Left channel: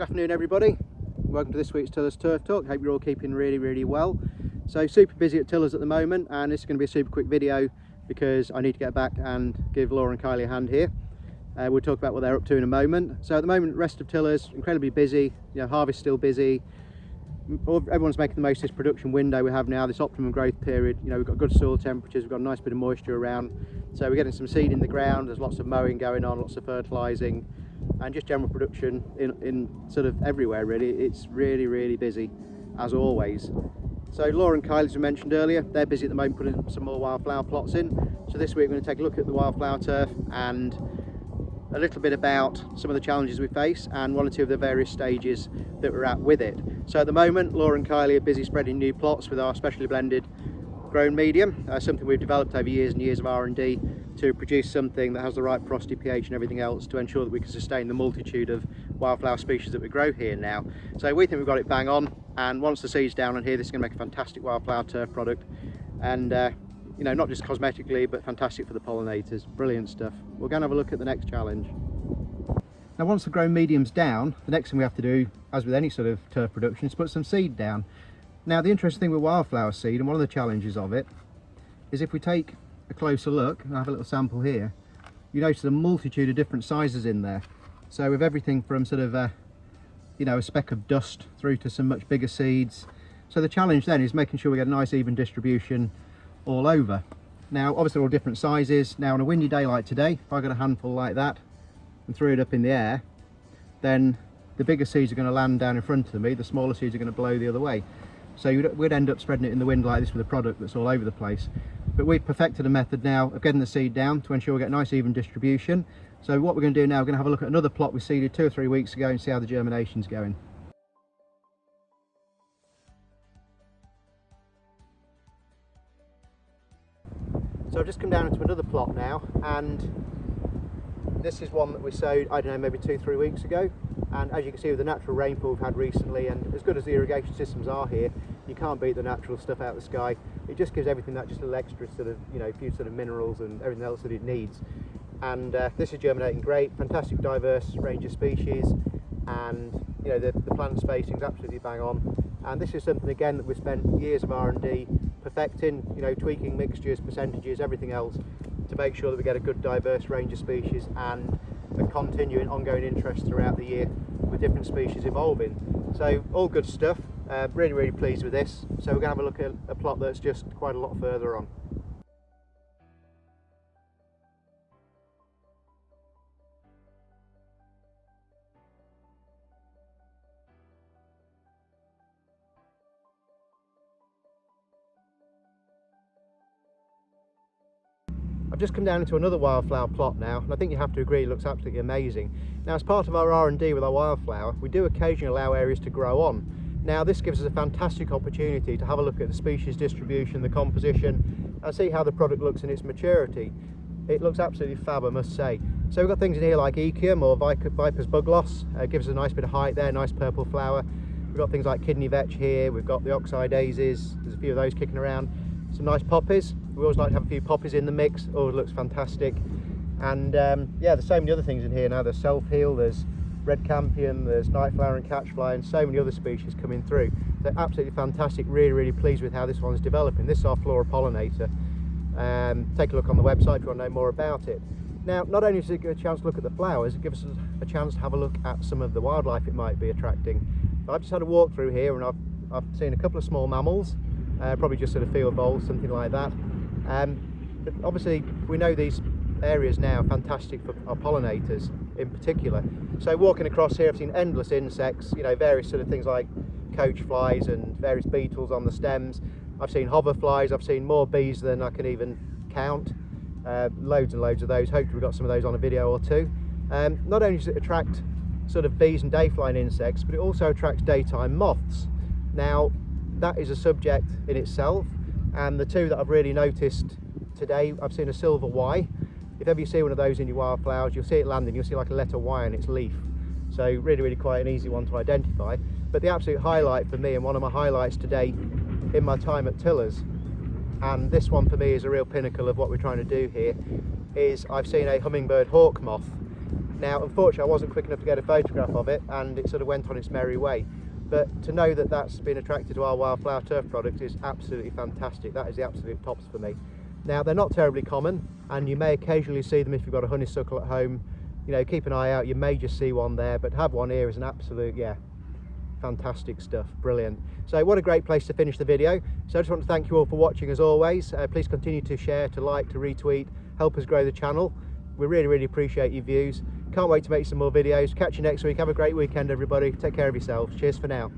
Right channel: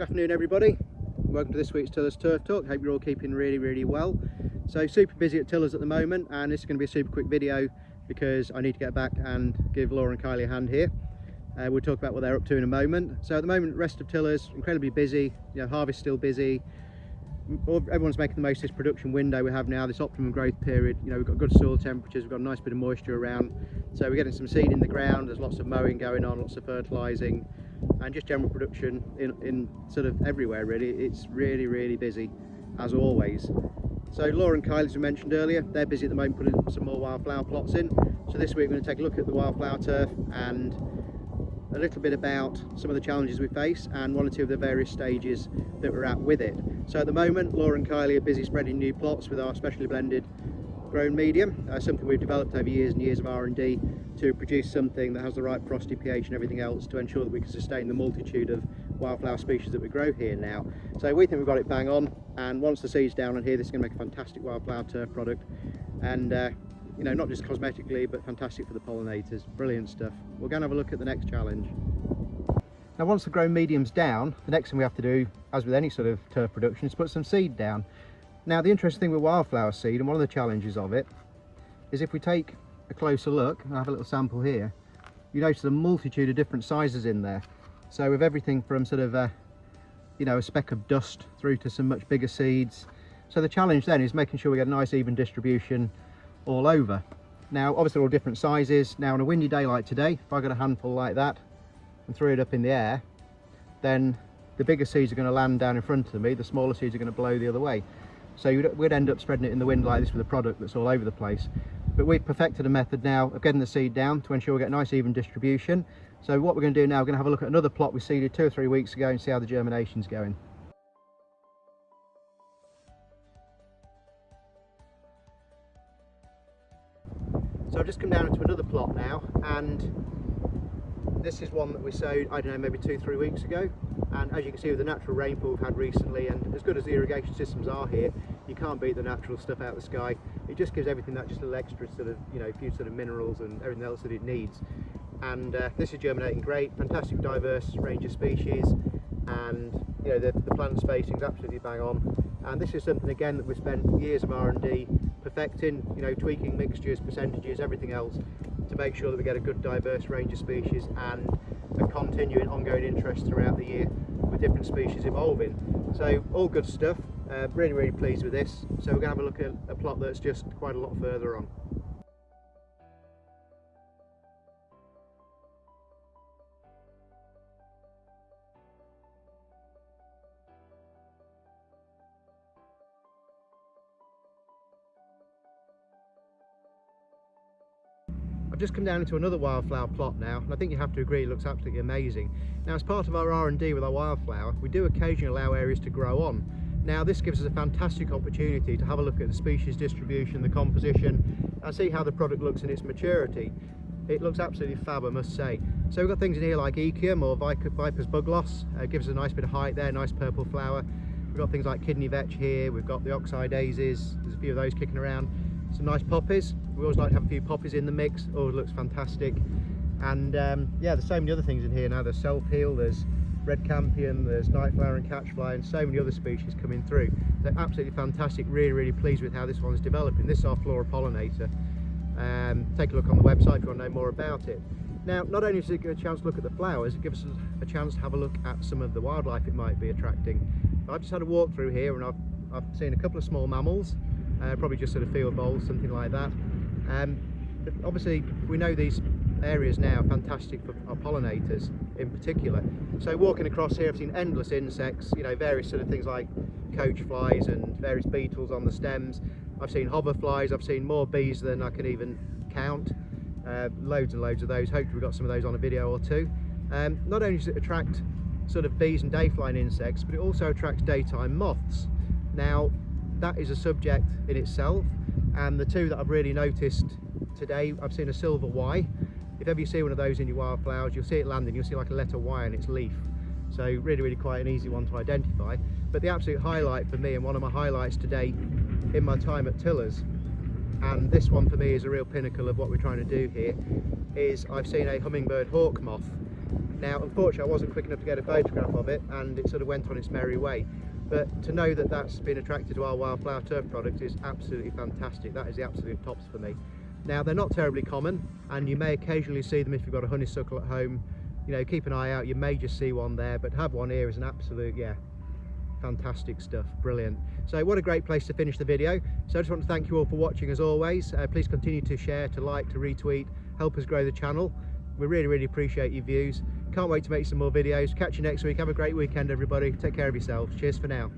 Good afternoon everybody, welcome to this week's Tillers Turf Talk. Hope you're all keeping really well. So super busy at Tillers at the moment, and this is going to be a super quick video because I need to get back and give Laura and Kylie a hand here. We'll talk about what they're up to in a moment. So at the moment, rest of Tillers incredibly busy, harvest still busy. Everyone's making the most of this production window we have now, this optimum growth period. We've got good soil temperatures, we've got a nice bit of moisture around, so we're getting some seed in the ground. There's lots of mowing going on, lots of fertilising, and just general production in sort of everywhere really. It's really busy as always. So Laura and Kylie, as we mentioned earlier, they're busy at the moment putting some more wildflower plots in. So this week we're going to take a look at the wildflower turf and a little bit about some of the challenges we face and one or two of the various stages that we're at with it. So at the moment, Laura and Kylie are busy spreading new plots with our specially blended grown medium, something we've developed over years and years of R&D to produce something that has the right porosity, pH and everything else to ensure that we can sustain the multitude of wildflower species that we grow here now. So we think we've got it bang on, and once the seed's down on here, this is going to make a fantastic wildflower turf product, and not just cosmetically but fantastic for the pollinators. Brilliant stuff. We're going to have a look at the next challenge. Now once the grown medium's down, the next thing we have to do, as with any sort of turf production, is put some seed down. Now the interesting thing with wildflower seed, and one of the challenges of it, is if we take a closer look, and I have a little sample here, you notice a multitude of different sizes in there. So with everything from sort of a speck of dust through to some much bigger seeds. So the challenge then is making sure we get a nice even distribution all over. Now obviously they're all different sizes. Now on a windy day like today, if I got a handful like that and threw it up in the air, then the bigger seeds are going to land down in front of me, the smaller seeds are going to blow the other way. So we'd end up spreading it in the wind like this with a product that's all over the place. But we've perfected a method now of getting the seed down to ensure we get a nice even distribution. So what we're going to do now, we're going to have a look at another plot we seeded 2 or 3 weeks ago and see how the germination's going. So I've just come down into another plot now, and this is one that we sowed, I don't know, maybe 2 or 3 weeks ago. And as you can see with the natural rainfall we've had recently, and as good as the irrigation systems are here, you can't beat the natural stuff out of the sky. It just gives everything that just a little extra sort of, few sort of minerals and everything else that it needs. And this is germinating great, fantastic diverse range of species, and the plant spacing is absolutely bang on. And this is something again that we've spent years of R&D perfecting, tweaking mixtures, percentages, everything else to make sure that we get a good diverse range of species and a continuing ongoing interest throughout the year with different species evolving. So all good stuff, really pleased with this. So we're going to have a look at a plot that's just quite a lot further on. I've just come down into another wildflower plot now, and I think you have to agree it looks absolutely amazing. Now as part of our R&D with our wildflower, we do occasionally allow areas to grow on. Now this gives us a fantastic opportunity to have a look at the species distribution, the composition, and see how the product looks in its maturity. It looks absolutely fab, I must say. So we've got things in here like Echium or Viper's bug loss, gives us a nice bit of height there, nice purple flower. We've got things like kidney vetch here, we've got the oxeye daisies, there's a few of those kicking around. Some nice poppies. We always like to have a few poppies in the mix. Oh, it looks fantastic. And yeah, there's so many other things in here now. There's self-heal, there's red campion, there's nightflower and catchfly, and so many other species coming through. So absolutely fantastic. Really pleased with how this one's developing. This is our flora pollinator. Take a look on the website if you want to know more about it. Now, not only does it give a chance to look at the flowers, it gives us a chance to have a look at some of the wildlife it might be attracting. I've just had a walk through here, and I've seen a couple of small mammals. Probably just sort of field voles, something like that. But obviously we know these areas now are fantastic for our pollinators in particular. So walking across here I've seen endless insects, various sort of things like coach flies and various beetles on the stems. I've seen hoverflies, I've seen more bees than I can even count. Loads and loads of those. Hopefully we've got some of those on a video or two. Not only does it attract sort of bees and day-flying insects, but it also attracts daytime moths. Now that is a subject in itself, and the two that I've really noticed today, I've seen a silver Y. If ever you see one of those in your wildflowers, you'll see it landing, you'll see like a letter Y on its leaf. So really quite an easy one to identify. But the absolute highlight for me, and one of my highlights today in my time at Tillers, and this one for me is a real pinnacle of what we're trying to do here, is I've seen a hummingbird hawk moth. Now unfortunately I wasn't quick enough to get a photograph of it, and it sort of went on its merry way, but to know that that's been attracted to our Wildflower turf product is absolutely fantastic. That is the absolute tops for me. Now they're not terribly common, and you may occasionally see them if you've got a honeysuckle at home. You know, keep an eye out, you may just see one there, but to have one here is an absolute, yeah, fantastic stuff, brilliant. So what a great place to finish the video. So I just want to thank you all for watching as always. Please continue to share, to like, to retweet, help us grow the channel. We really appreciate your views. Can't wait to make some more videos. Catch you next week. Have a great weekend everybody. Take care of yourselves. Cheers for now.